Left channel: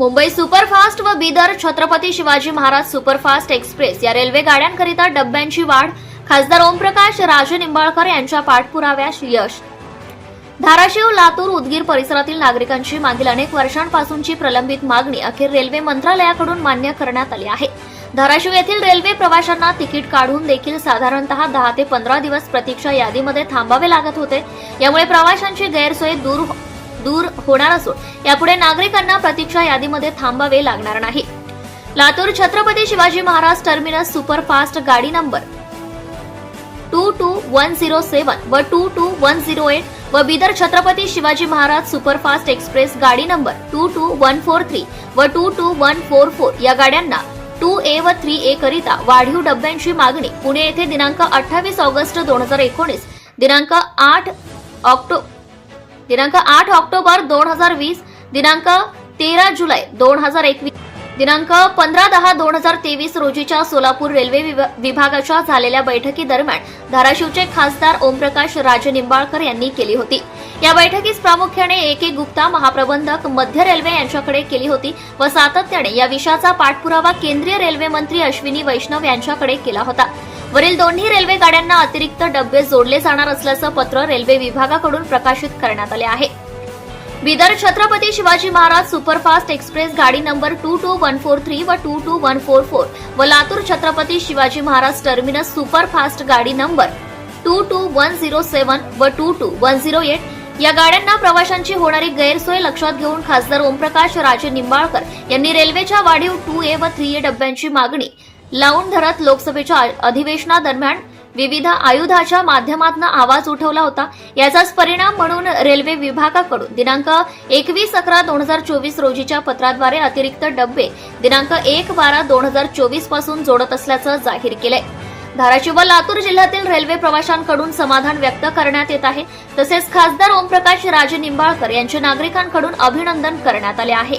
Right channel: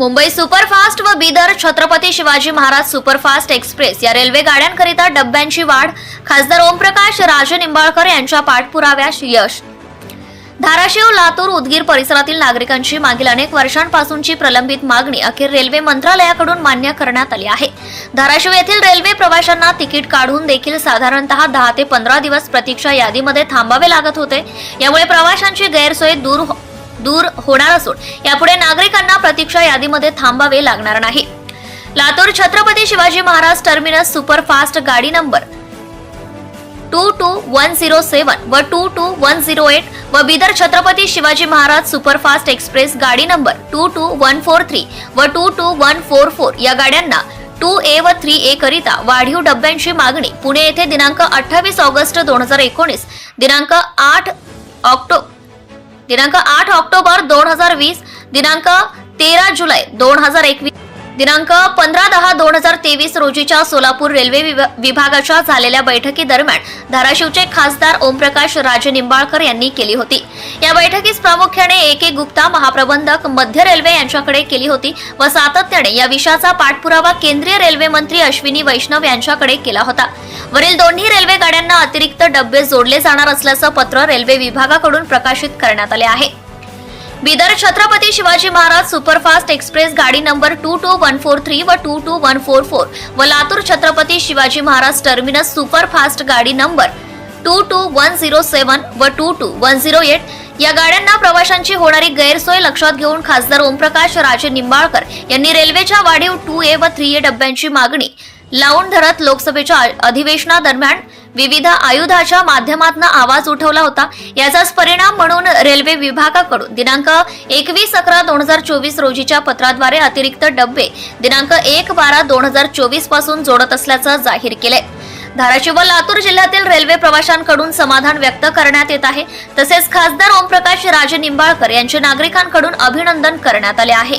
Mumbai superfast व Bidar Chhatrapati Shivaji Maharaj superfast express या railway गाड्यांकरिता डब्यांची वाढ. खासदार ओमप्रकाश राजे निंबाळकर यांच्या पाठपुराव्यास यश. धाराशिव लातूर उदगीर परिसरातील नागरिकांची मागील अनेक वर्षांपासूनची प्रलंबित मागणी अखेर रेल्वे मंत्रालयाकडून मान्य करण्यात आली आहे. धाराशिव येथील रेल्वे प्रवाशांना तिकीट काढून देखील साधारणतः दहा ते पंधरा दिवस प्रतीक्षा यादीमध्ये थांबावे लागत होते. यामुळे प्रवाशांची गैरसोय दूर हो दूर होणार असून यापुढे नागरिकांना प्रतीक्षा यादीमध्ये थांबावे लागणार नाही. लातूर छत्रपती शिवाजी महाराज टर्मिनस सुपरफास्ट गाडी number two two one zero seven व two two one zero eight व बिदर छत्रपती शिवाजी महाराज सुपरफास्ट एक्सप्रेस गाडी number two two one four three व two two one four four या गाड्यांना टू ए व थ्री ए करिता वाढीव डब्यांची मागणी पुणे येथे दिनांक अठ्ठावीस ऑगस्ट दोन हजार एकोणीस दिनांक आठ ऑक्टो दिनांक आठ ऑक्टोबर दोन हजार वीस दिनांक तेरा जुलै दोन हजार एकवीस दिनांक पंधरा दहा दोन हजार तेवीस रोजीच्या सोलापूर रेल्वे विभा- विभागाच्या झालेल्या बैठकीदरम्यान धाराशिवचे खासदार ओमप्रकाश राजे निंबाळकर यांनी केली होती. या बैठकीस प्रामुख्याने ए के गुप्ता महाप्रबंधक मध्य रेल्वे यांच्याकडे केली होती व सातत्याने या विषयाचा पाठपुरावा केंद्रीय रेल्वे मंत्री अश्विनी वैष्णव यांच्याकडे केला होता. वरील दोन्ही रेल्वे गाड्यांना अतिरिक्त डबे जोडले जाणार असल्याचं पत्र रेल्वे विभागाकडून प्रकाशित करण्यात आले आहे. बिदर छत्रपती शिवाजी महाराज सुपरफास्ट एक्सप्रेस गाडी number two two one four three व two two one four four व लातूर छत्रपती शिवाजी महाराज टर्मिनस सुपरफास्ट गाडी number two two one zero seven व two two one zero eight या गाड्यांना प्रवाशांची होणारी गैरसोय लक्षात घेऊन खासदार ओमप्रकाश राजे निंबाळकर यांनी रेल्वेच्या वाढीव टू ए व थ्री ए डब्यांची मागणी लावून धरत लोकसभेच्या अधिवेशनादरम्यान विविध आयुधाच्या माध्यमातून आवाज उठवला होता. याचाच परिणाम म्हणून रेल्वे विभागाकडून दिनांक एकवीस अकरा दोन हजार चोवीस रोजीच्या पत्राद्वारे अतिरिक्त डब्बे दिनांक एक बारा दोन हजार चोवीसपासून जोडत असल्याचं जाहीर केलंय. धाराशिव व लातूर जिल्ह्यातील रेल्वे प्रवाशांकडून समाधान व्यक्त करण्यात येत आहे. तसेच खासदार ओमप्रकाश राजे निंबाळकर यांचे नागरिकांकडून अभिनंदन करण्यात आले आहे.